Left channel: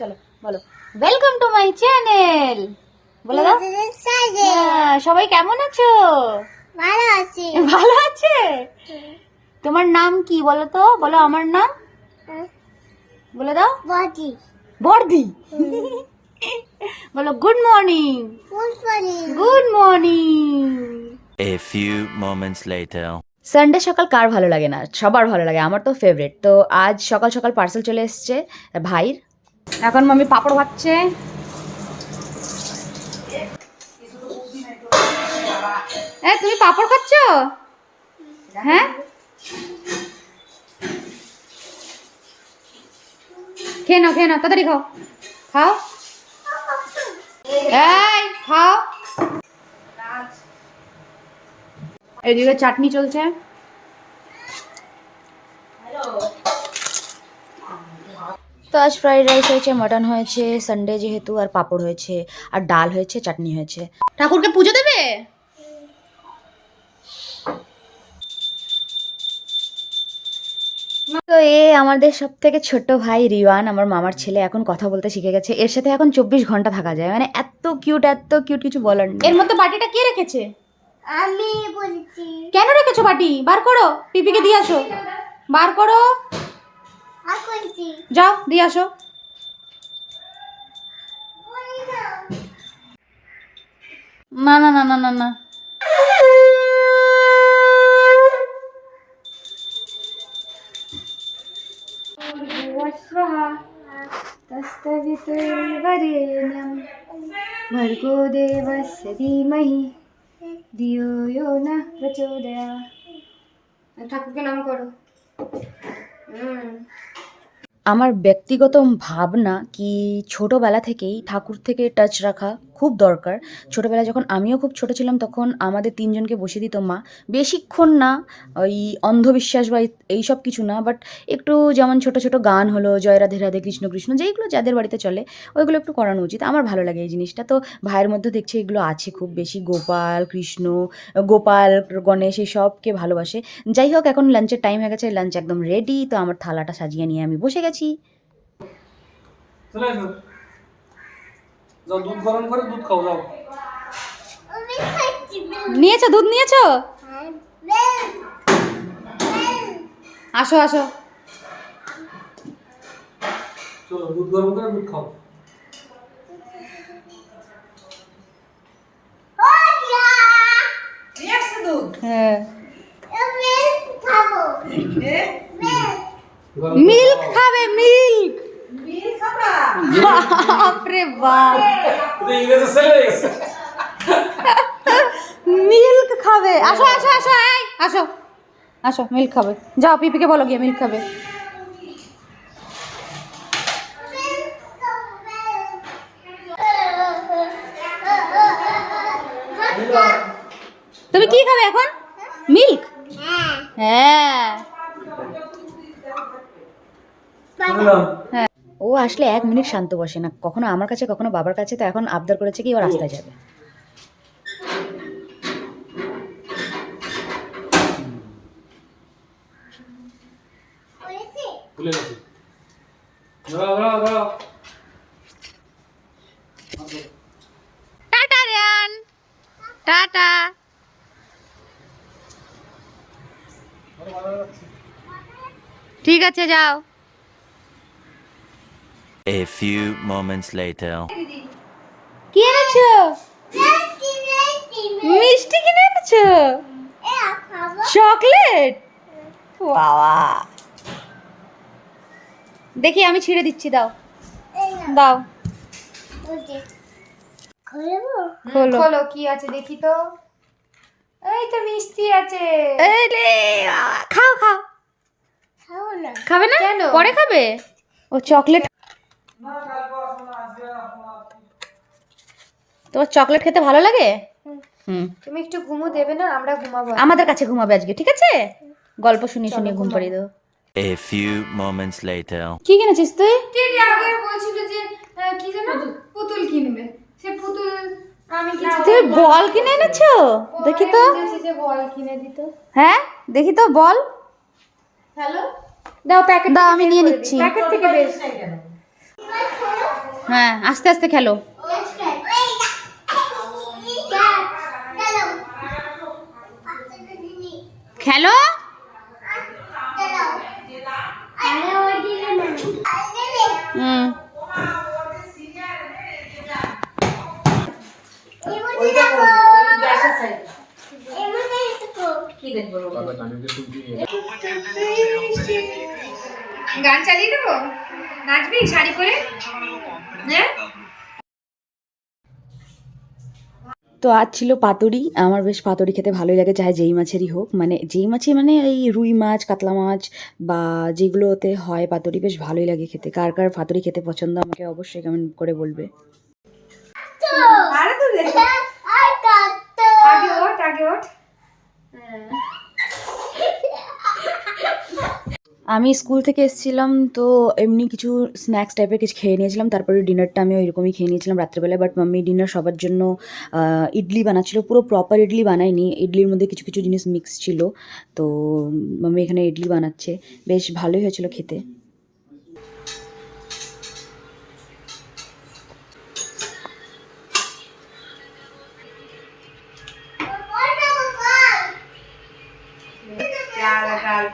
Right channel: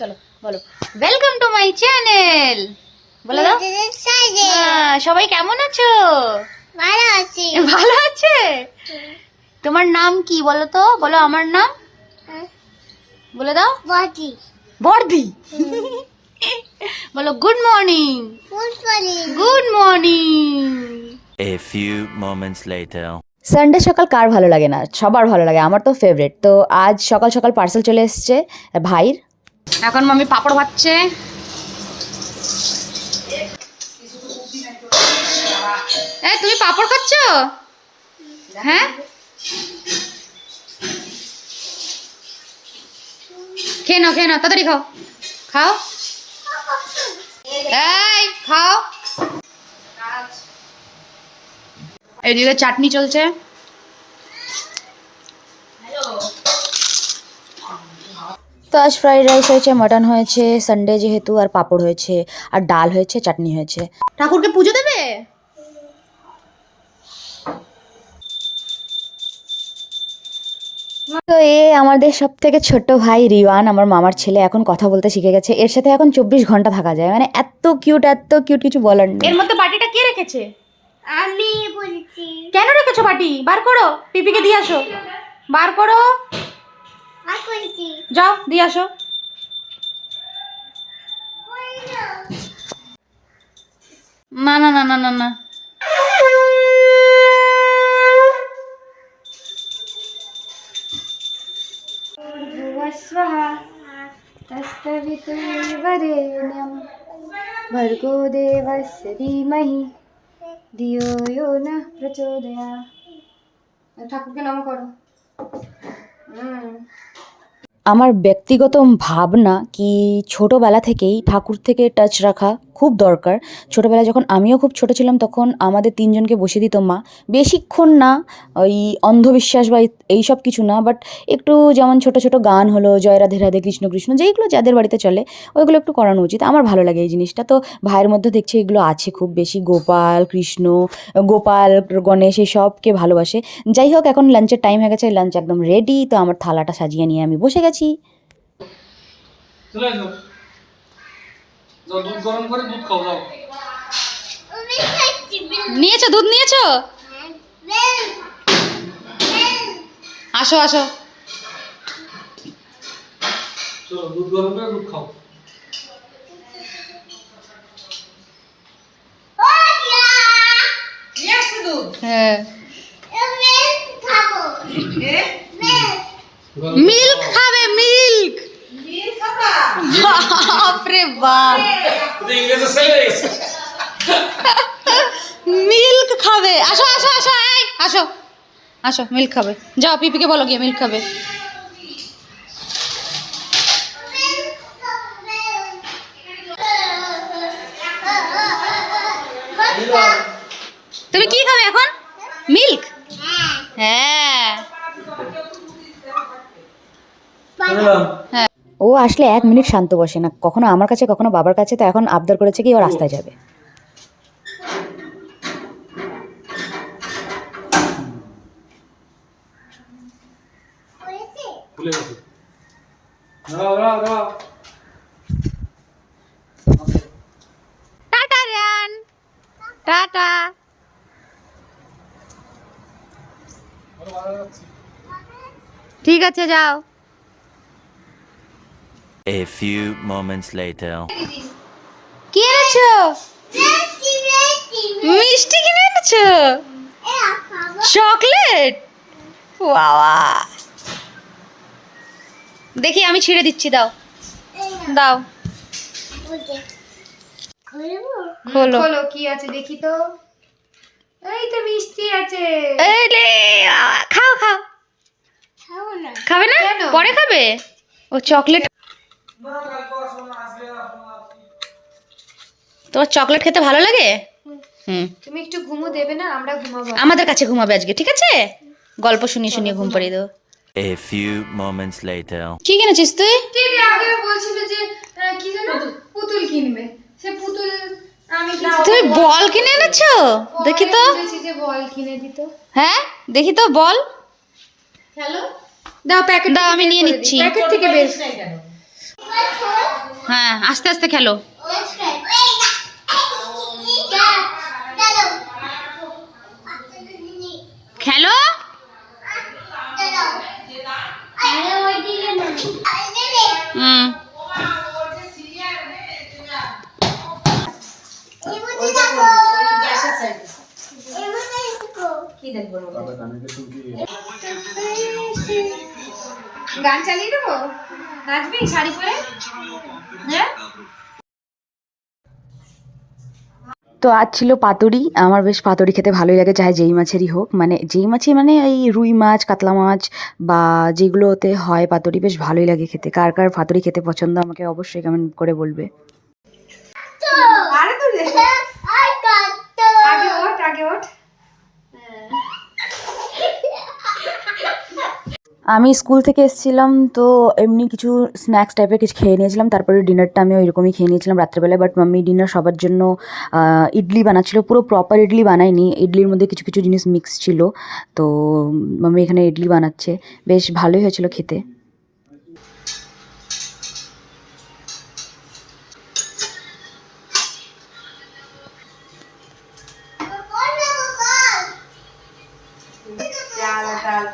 চলো বলো। Welcome to my channel বলে দাও। হ্যাঁ, সবাই কেমন আছো? ভালো আছি। ভালো আছে? তোমার নাম কি বলো তো? বলো আমার নাম। বলে দাও। বডি বর্দি। বলো good morning ফুলফলি good morning A few moments later. Sunday সকাল কার ভালো লাগে না? সবার ভালো লাগে। আমার তো ফেভারিট তো আজ সকাল সকাল পার্সেল চলে এসছে ভাইয়ের। এখন মামি পাপড় ভাজছে। এই, তুমি পাপড় খাচ্ছ? হ্যাঁ? খেয়ে নাও খেয়ে নাও, তাড়াতাড়ি খাও। খাও? এই, খাও। এদিকে চাটনি চলছে। তো আজ ফ্রাইড রাইস হয়েছে মাটন হয়েছে সানডে যেহেতু আর পাঁপড় হয়েছে আর ডাল হয়েছে চাটনি হয়েছে। ঠাকুরকে পুজো দেবে? তো এ আমাদের সব থেকে ছোট ভাই রিওয়ান আমার মামার ছেলে এখন কথা বলতে শিখে গেছে। এর সাথে এখন চব্বিশ ঘণ্টা থাকা যায়। মানে এত কিউট এত কিউট কিছু বলার নেই। এর মধ্যে বাটিটা কে রেখেছে? আমি বলছি। কেন রেখেছো বাটি? বার করো পিপিকে দিয়ে আসো। বার করো। যাও দিয়ে আসো। না না না না না না। ভর্গো দেবস্য ধীমহি ধিয়ো ইয়ো ন প্রচোদয়া ঠাকুরকে নাম করো। হুম। আমার ব্যক্তিগত ভাবনা কি ছোটোবেলা থেকেই ঠাকুর থেকে টাচ রাখা খুব দরকার। ছোটোবেলায় যখন আমিও খুব ছোট ছিলাম তখন আমাদের তিনজনকে বসিয়ে দিত মা। বেশিক্ষণ না, ওই অন্ধবিশ্বাস বা এই সব কিছু না বাট একটু যেমন ছোট ছোট গান হলো, জয় রাধে রাধে কৃষ্ণ কৃষ্ণ, যেইগুলো যাদের বাড়িতে চলে, ওইগুলো একটু করানো উচিত। আমার ভালো লাগে এই জিনিসটা। তো ভাইয়ের মধ্যে দেখছি এগুলো আছে খুব বেশি। গোপাল, কৃষ্ণ, গোপাল, গণেশ এই সবকে ভালোবাসে। যাই হোক, এখন লাঞ্চের টাইম হয়ে গেছে। লাঞ্চ একদম রেডি তো আমার থালাটা সাজিয়ে নিয়ে আমি বসে গেছি। চলে এসো। দুধ গরম করে দুধ খাও যাও। আমি খাচ্ছি নিয়েছো দুধ নিয়েছো? আসো আসো। চলো দুধ গরম করে দুধ খাও। হ্যাঁ। আমি খাব বেল মিল্ক খাবে মিল্ক বাপরে বাপ। মিল্ক খাবে। আসো আসো আসো এই আসো। আসো মিল্ক খাবে। যাও পিপিকে বলো গিয়ে মিল্ক খাবে। তুমি কি খাবে এখন? মিল্ক? হ্যাঁ। হ্যাঁ। ও আসলে এক মিনিট শান্ত বসে না। কখনো আমার কাছে কখনো বাবার কাছে তো এখন আবদার করেছে কি ও রাস্তায় যাবে। টাটা রিয়ান। টাটা। ঠিক আছে যাও। A few moments later. কি এনেছো? মিষ্টি কিনে এনেছো? চকলেট? বাবা। দেখি আমি ছিঁড়ে দিচ্ছি দাও। দাও। খোলো। খোলো কি আছে দেখি তো। এই তো মিষ্টি আছে। এই লে, খাও খাও। খাবে না। পরে খাবে? ও চকলেট তোমার চকলেট খেতে ভালো লাগে? হুম। তুমি একটু ঘুমো দেবে না আমরা ঘুমাবো। আমাদের কাছে ঘুমাবে আজকে ঠিক আছে? গল্প শুনিয়ে শুনিয়ে ঘুম পাড়িয়ে দেবো। A few moments later. কি কিনেছিস তুই? আগে বলছিল যে কি যেন? পুতুল। কিনবে। সে পুতুল আমি তুমি বল কিনে এনেছো? দেখি তো। যে বল কিনে দিত হ্যাঁ? দেখি তো বল। হ্যালো? দাও প্যাকেট দাও আমি নিয়ে নিচ্ছি। প্যাকেট থেকে বের হ্যাঁ আস্তে আস্তে খেলো। খেলো? হুম। গান চালিয়ে দেবো? নাচবি শাড়ি পরে? তো আজ ছিল পাতুরি। আমার বেশ পাতুরি খেতে ভালোই লাগে চাহে যেই মাছেরই হোক। মানে যেই মাছই মানে এই রুই মাছ, কাতলা মাছ বা যেগুলোতে হয় পাতুরি বেশ ভালোই লাগে খেতে। কার কার পাতুরি খেতে পছন্দ আমাকে অবশ্যই কমেন্ট করে বলবে আরে তো রে। আর কত আগে ওঠ আগে ওঠ আমি স্কুল থেকে এসেছিলাম, তো এমনি কিছু স্ন্যাক্স টাইপের কিছু খেয়ে নিয়েছিলাম। তারপরে ডিনারটা আমি ওইরকমই খেয়ে নিয়েছিলাম রাত্রেবেলায় বাট মাম্মি ডিনার সবার জন্য ইডলি বানাচ্ছিল। পুরো প্রপার ইডলি বানায়নি। ইডলির মধ্যে কিছু কিছু জিনিস মিক্স ছিল। তো মাম্মি এখানে ইডলি বানাচ্ছে। বেশ ভালোই হয়েছিল খেতে।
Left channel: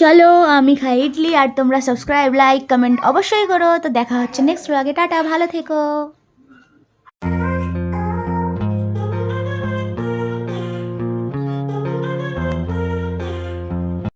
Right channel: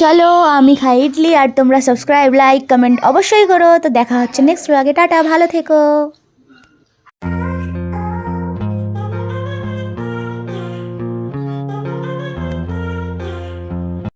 চলো, আমি খাই ইডলি আর তোমরা সাবস্ক্রাইব লাইক কমেন্ট অবশ্যই করো। তো দেখা হচ্ছে নেক্সট ব্লগে টাটা, ভালো থেকো।